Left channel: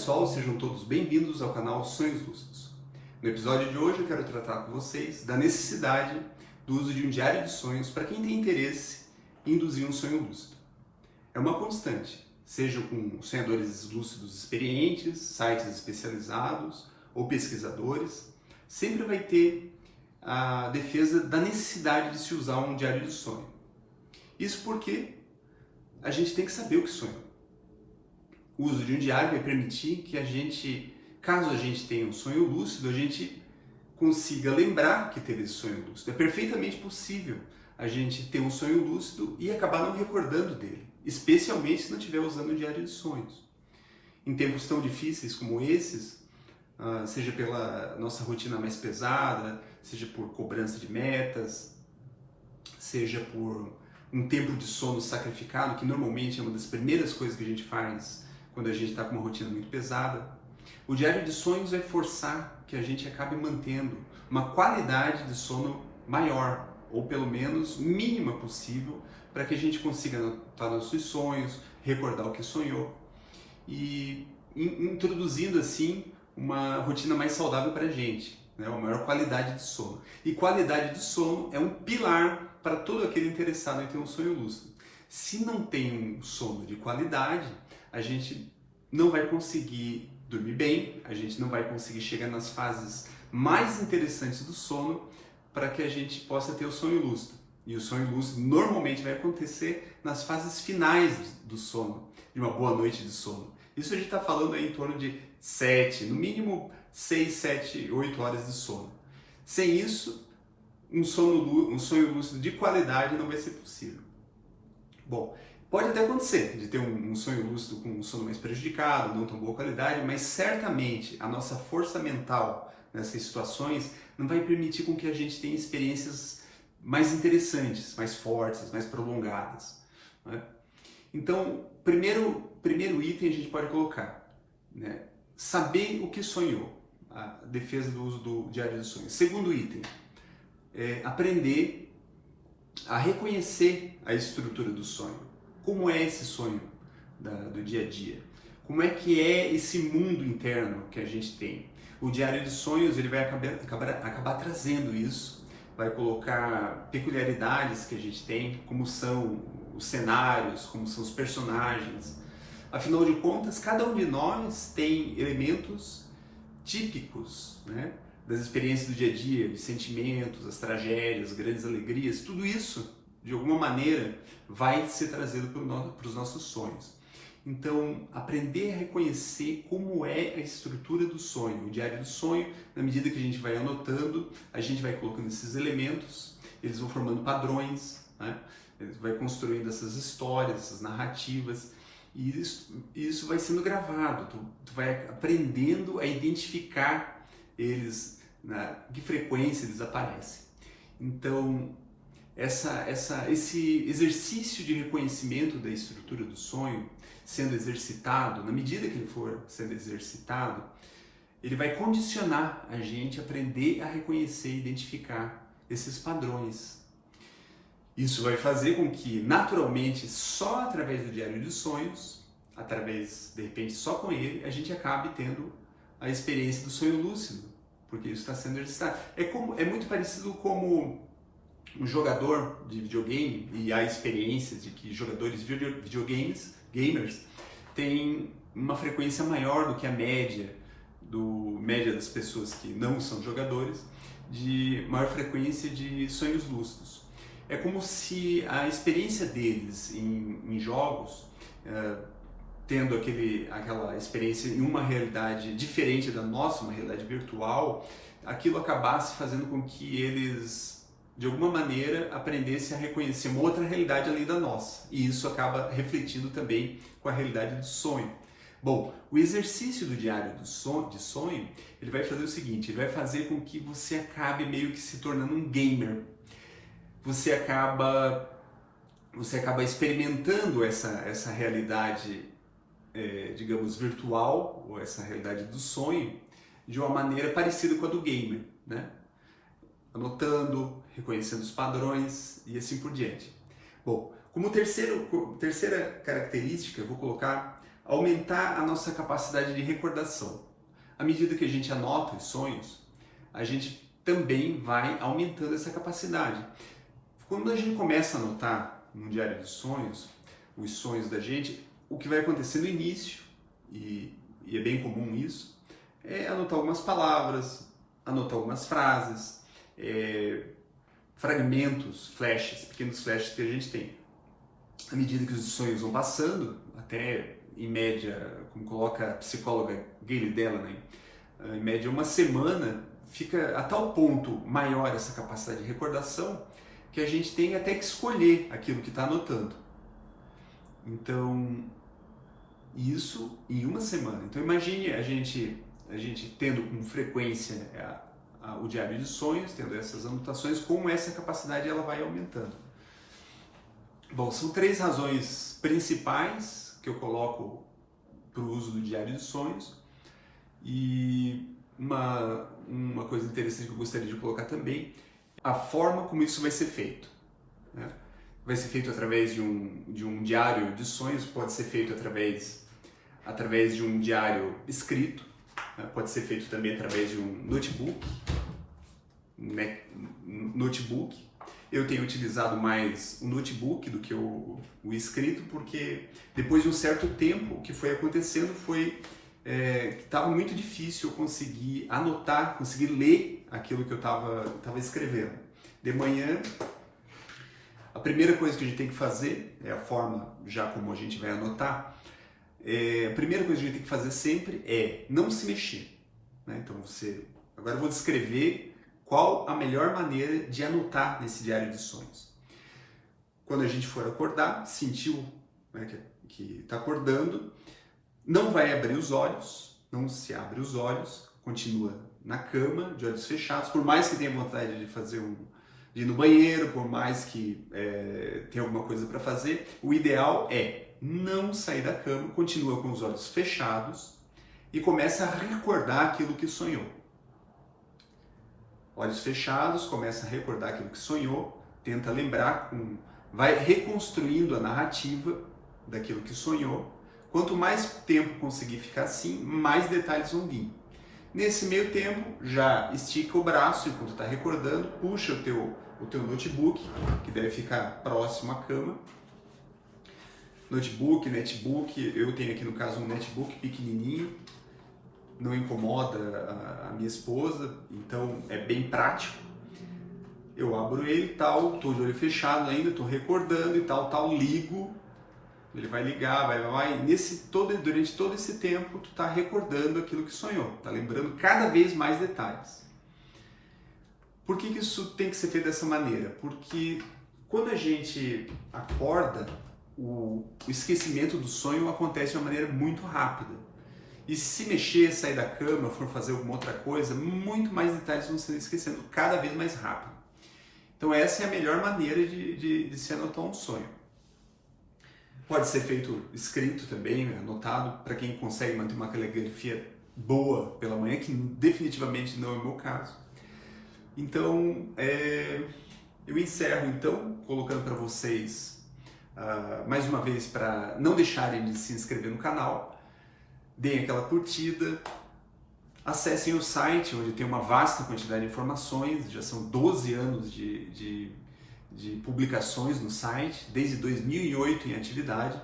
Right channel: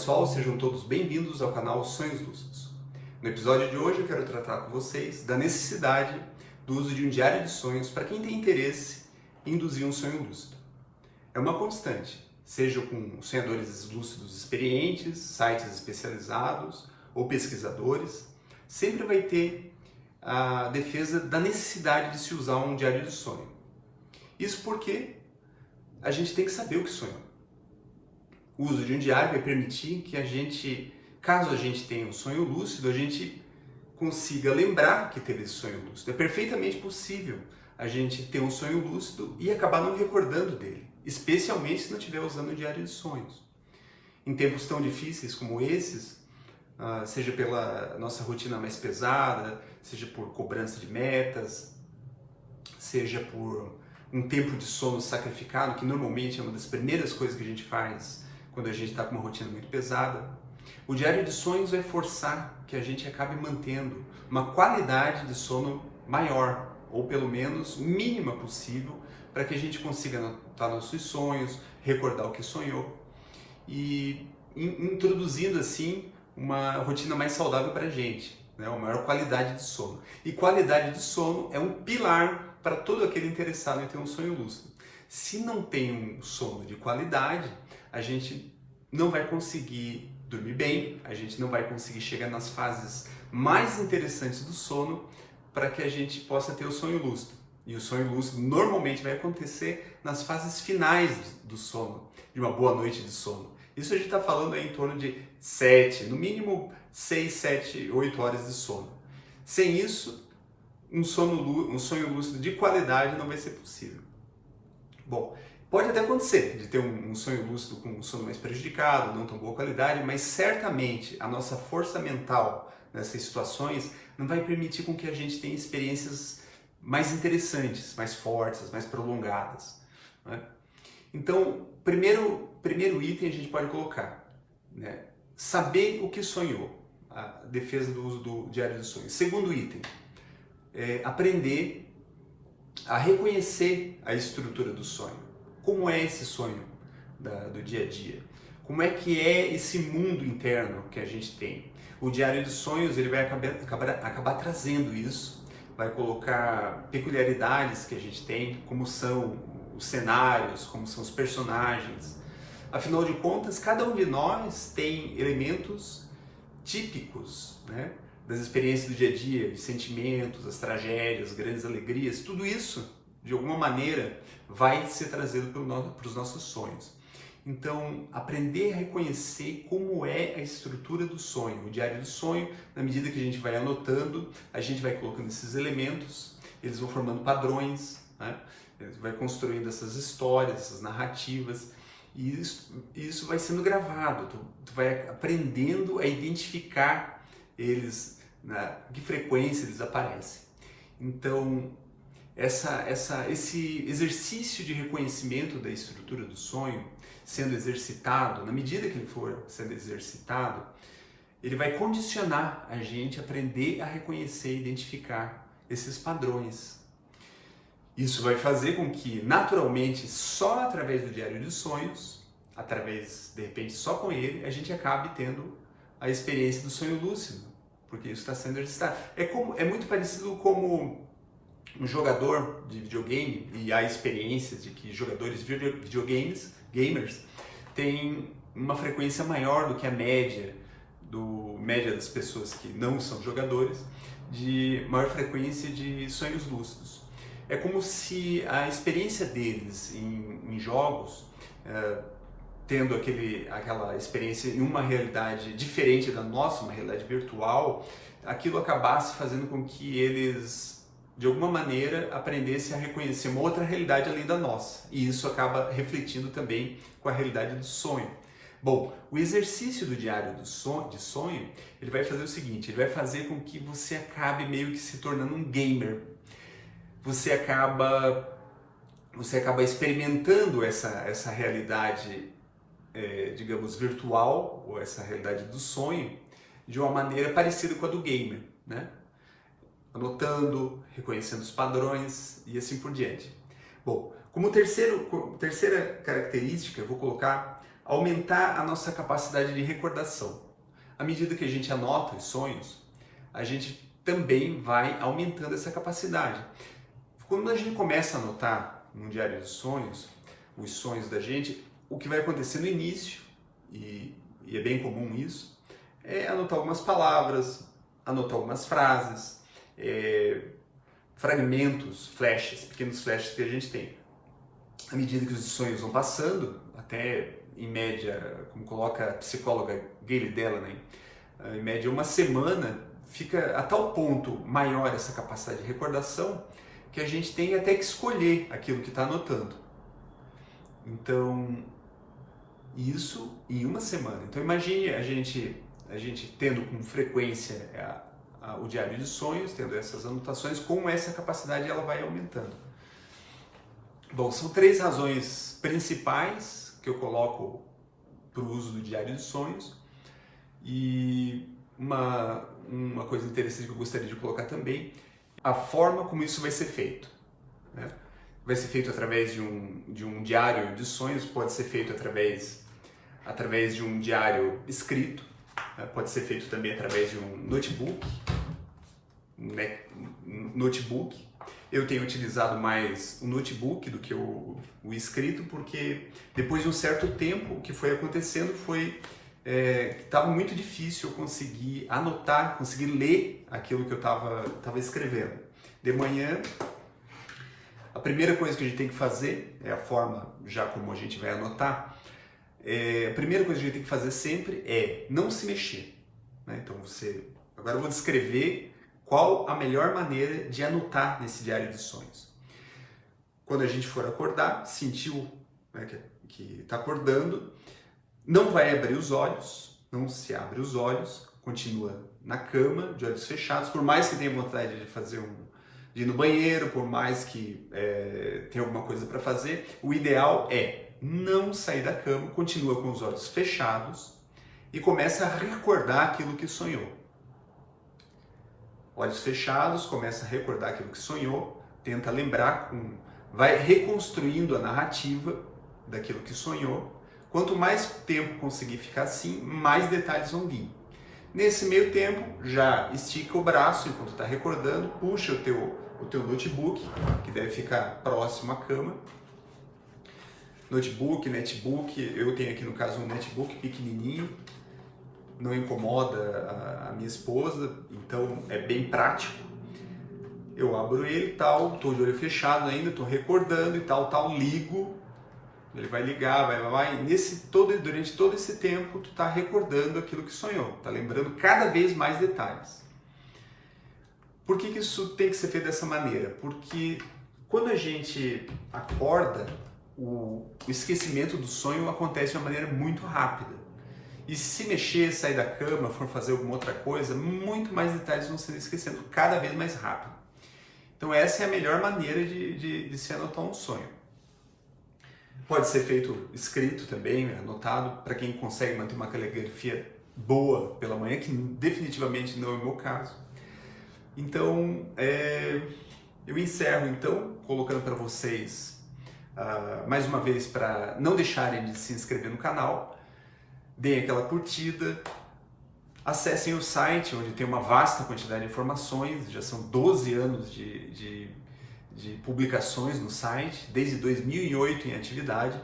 pessoal, sejam todos bem-vindos ao canal Sonhos Lúcidos. No episódio de hoje eu quero tratar com vocês da necessidade do uso de um diário de sonhos para quem tem interesse em induzir um sonho lúcido. É uma constante, seja com sonhadores lúcidos experientes, sites especializados ou pesquisadores, sempre vai ter a defesa da necessidade de se usar um diário de sonho. Isso porque a gente tem que saber o que sonhou. O uso de um diário vai permitir que a gente, caso a gente tenha um sonho lúcido, a gente consiga lembrar que teve esse sonho lúcido. É perfeitamente possível a gente ter um sonho lúcido e acabar não recordando dele, especialmente se não estiver usando um diário de sonhos. Em tempos tão difíceis como esses, seja pela nossa rotina mais pesada, seja por cobrança de metas, seja por um tempo de sono sacrificado, que normalmente é uma das primeiras coisas que a gente faz quando a gente está com uma rotina muito pesada, o diário de sonhos vai forçar que a gente acabe mantendo uma qualidade de sono maior, ou pelo menos mínima possível, para que a gente consiga anotar nossos sonhos, recordar o que sonhou e introduzindo assim uma rotina mais saudável para a gente, né? Uma maior qualidade de sono. E qualidade de sono é um pilar para todo aquele interessado em ter um sonho lúcido. Se não tem um sono de qualidade, a gente não vai conseguir dormir bem, a gente não vai conseguir chegar nas fases mais interessantes do sono para que a gente possa ter o sonho lúcido. E o sonho lúcido normalmente vai acontecer nas fases finais do sono, de uma boa noite de sono. Isso a gente está falando aí em torno de 7, no mínimo 6, 7, 8 horas de sono. Sem isso, um sonho lúcido de qualidade não vai ser possível. Bom, pode até acontecer de ter um sonho lúcido com um sono mais prejudicado, não tão boa qualidade, mas certamente a nossa força mental nessas situações não vai permitir com que a gente tenha experiências mais interessantes, mais fortes, mais prolongadas, né? Então, primeiro item a gente pode colocar, né? Saber o que sonhou, a defesa do uso do diário de sonhos. Segundo item, aprender a reconhecer a estrutura do sonho. Como é esse sonho do dia a dia? Como é que é esse mundo interno que a gente tem? O diário de sonhos ele vai acabar trazendo isso, vai colocar peculiaridades que a gente tem, como são os cenários, como são os personagens. Afinal de contas, cada um de nós tem elementos típicos, né, das experiências do dia a dia, de sentimentos, as tragédias, as grandes alegrias, tudo isso, de alguma maneira, vai ser trazido para os nossos sonhos. Então, aprender a reconhecer como é a estrutura do sonho, o diário do sonho, na medida que a gente vai anotando, a gente vai colocando esses elementos, eles vão formando padrões, né? Vai construindo essas histórias, essas narrativas, e isso vai sendo gravado, tu vai aprendendo a identificar eles, né, que frequência eles aparecem. Então, esse exercício de reconhecimento da estrutura do sonho sendo exercitado, na medida que ele for sendo exercitado, ele vai condicionar a gente a aprender a reconhecer e identificar esses padrões. Isso vai fazer com que, naturalmente, só através do diário de sonhos, de repente, só com ele, a gente acabe tendo a experiência do sonho lúcido, porque isso está sendo exercitado. É muito parecido como um jogador de videogame, e há experiências de que jogadores de gamers, têm uma frequência maior do que a média das pessoas que não são jogadores, de maior frequência de sonhos lúcidos. É como se a experiência deles em jogos, tendo aquela experiência em uma realidade diferente da nossa, uma realidade virtual, aquilo acabasse fazendo com que eles, de alguma maneira, aprendessem a reconhecer uma outra realidade além da nossa. E isso acaba refletindo também com a realidade do sonho. Bom, o exercício do diário de sonho, ele vai fazer o seguinte, ele vai fazer com que você acabe meio que se tornando um gamer. Você acaba experimentando essa realidade, digamos, virtual, ou essa realidade do sonho, de uma maneira parecida com a do gamer, né? Anotando, reconhecendo os padrões e assim por diante. Bom, como terceira característica, eu vou colocar aumentar a nossa capacidade de recordação. À medida que a gente anota os sonhos, a gente também vai aumentando essa capacidade. Quando a gente começa a anotar no diário dos sonhos, os sonhos da gente, o que vai acontecer no início, e é bem comum isso, é anotar algumas palavras, anotar algumas frases, fragmentos, flashes, pequenos flashes que a gente tem. À medida que os sonhos vão passando, até em média, como coloca a psicóloga Gayle Delaunay, em média uma semana, fica a tal ponto maior essa capacidade de recordação que a gente tem até que escolher aquilo que está anotando. Então, isso em uma semana. Então imagine a gente tendo com frequência o diário de sonhos, tendo essas anotações, como essa capacidade ela vai aumentando. Bom, são 3 razões principais que eu coloco para o uso do diário de sonhos, e uma coisa interessante que eu gostaria de colocar também, a forma como isso vai ser feito, né? Vai ser feito através de um diário de sonhos, pode ser feito através de um diário escrito, né? Pode ser feito também através de um notebook, né? Eu tenho utilizado mais o notebook do que o escrito, porque depois de um certo tempo o que foi acontecendo foi que estava muito difícil eu conseguir anotar, conseguir ler aquilo que eu estava escrevendo. De manhã, a primeira coisa que a gente tem que fazer, é a forma já como a gente vai anotar, a primeira coisa que a gente tem que fazer sempre é não se mexer, né? Então agora eu vou descrever qual a melhor maneira de anotar nesse diário de sonhos. Quando a gente for acordar, sentiu, né, que está acordando, não vai abrir os olhos, não se abre os olhos, continua na cama, de olhos fechados, por mais que tenha vontade de ir no banheiro, por mais que tenha alguma coisa para fazer, o ideal é não sair da cama, continua com os olhos fechados e começa a recordar aquilo que sonhou. Olhos fechados, começa a recordar aquilo que sonhou, tenta lembrar, vai reconstruindo a narrativa daquilo que sonhou. Quanto mais tempo conseguir ficar assim, mais detalhes vão vir. Nesse meio tempo, já estica o braço enquanto está recordando, puxa o teu notebook, que deve ficar próximo à cama. Notebook, netbook, eu tenho aqui no caso um netbook pequenininho, não incomoda a minha esposa, então é bem prático. Eu abro ele e tal, estou de olho fechado ainda, estou recordando e tal, ligo. Ele vai ligar, vai. Durante todo esse tempo, tu está recordando aquilo que sonhou, está lembrando cada vez mais detalhes. Por que isso tem que ser feito dessa maneira? Porque quando a gente acorda, o esquecimento do sonho acontece de uma maneira muito rápida. E se mexer, sair da cama, for fazer alguma outra coisa, muito mais detalhes vão sendo esquecendo cada vez mais rápido. Então essa é a melhor maneira de se anotar um sonho. Pode ser feito escrito também, anotado, para quem consegue manter uma caligrafia boa pela manhã, que definitivamente não é o meu caso. Então, eu encerro então, colocando para vocês, mais uma vez, para não deixarem de se inscrever no canal, deem aquela curtida, acessem o site, onde tem uma vasta quantidade de informações, já são 12 anos de publicações no site, desde 2008 em atividade.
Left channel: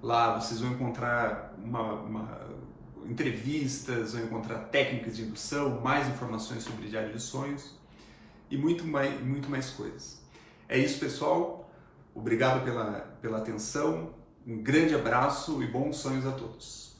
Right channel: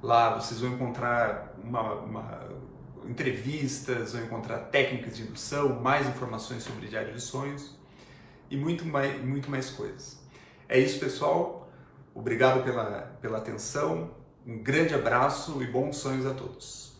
Lá vocês vão encontrar entrevistas, vão encontrar técnicas de indução, mais informações sobre diário de sonhos e muito mais coisas. É isso, pessoal. Obrigado pela atenção, um grande abraço e bons sonhos a todos.